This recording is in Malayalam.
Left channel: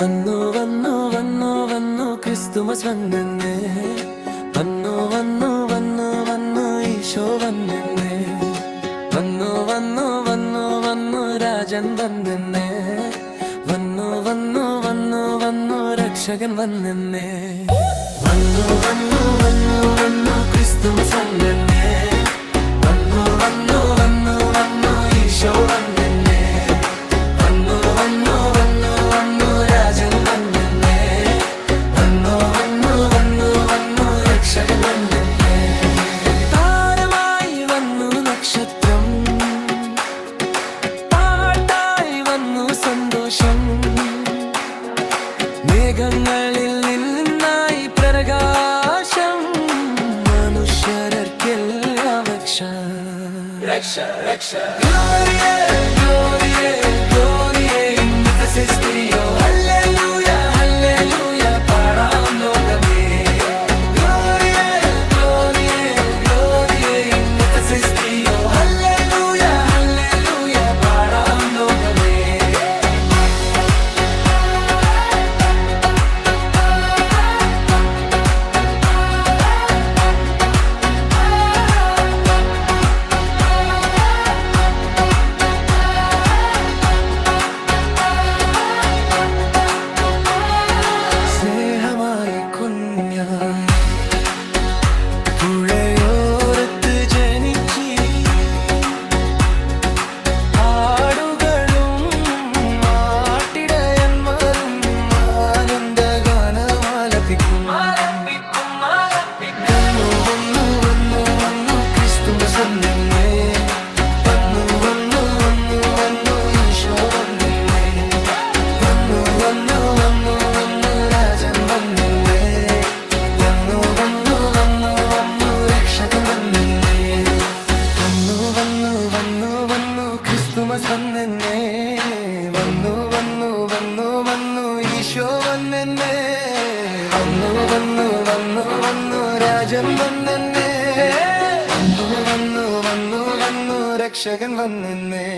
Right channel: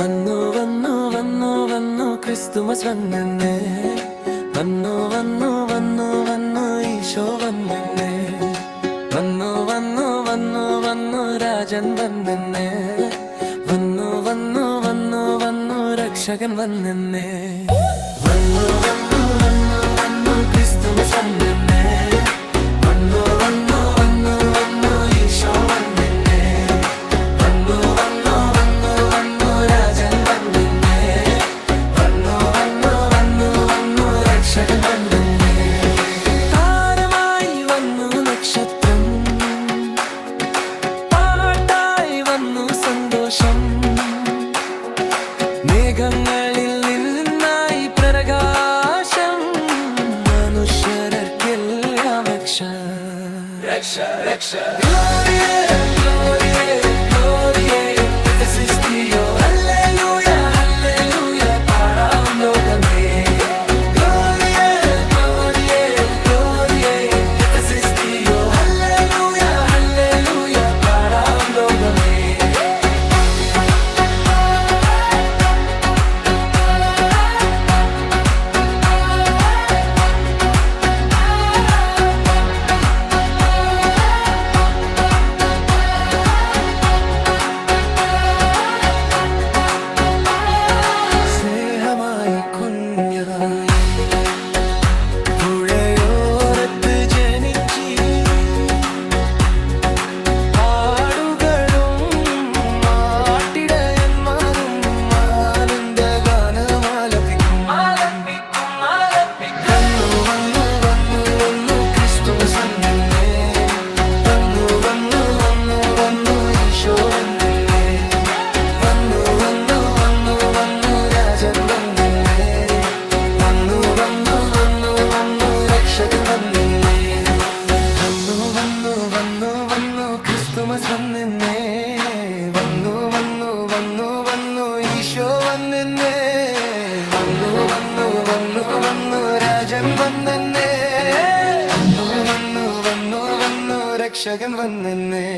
വന്നു വന്നു വന്നു വന്നു ക്രിസ്തുമസ് വന്നെന്നേ. വന്നു വന്നു വന്നു വന്നു ഈശോ വന്നെന്നേ. വന്നു വന്നു വന്നു വന്നു രാജൻ വന്നെന്നേ. വന്നു വന്നു വന്നു വന്നു രക്ഷകൻ വന്നെന്നേ. വന്നു വന്നു വന്നു വന്നു ക്രിസ്തുമസ് വന്നെന്നേ. വന്നു വന്നു വന്നു വന്നു ഈശോ വന്നെന്നേ. വന്നു വന്നു വന്നു വന്നു രാജൻ വന്നെന്നേ. വന്നു വന്നു വന്നു വന്നു രക്ഷകൻ വന്നെന്നേ. താരമായി വന്നു നക്ഷത്രം, പാട്ടായി വന്നു സന്തോഷം. മേഘങ്ങളിൽ നിന്നായി പ്രകാശം, മനുഷ്യർക്കെല്ലാം രക്ഷ. Gloria, Gloria, Gloria in Ephesus Dio. Hallelujah, Hallelujah, പാടാം ലോകമേ. Gloria, Gloria, Gloria in Ephesus Dio. Hallelujah, Hallelujah, പാടാം ലോകമേ. സ്നേഹമായി കുഞ്ഞായി പുഴയോരത്ത് ജനിച്ചി, ആടുകളും ആട്ടിടയന്മാരും ആനന്ദഗാനമാലപിക്കും. വന്നു വന്നു വന്നു വന്നു ക്രിസ്തുമസ് വന്നെന്നേ. വന്നു വന്നു വന്നു വന്നു ഈശോ വന്നെന്നേ. വന്നു വന്നു വന്നു വന്നു രാജൻ വന്നെന്നേ. വന്നു വന്നു വന്നു വന്നു രക്ഷകൻ വന്നെന്നേ. വന്നു വന്നു വന്നു വന്നു ക്രിസ്തുമസ് വന്നെന്നേ. വന്നു വന്നു വന്നു വന്നു ഈശോ വന്നെന്നേ. വന്നു വന്നു വന്നു വന്നു രാജൻ വന്നെന്നേ. വന്നു വന്നു വന്നു വന്നു രക്ഷകൻ വന്നെന്നേ.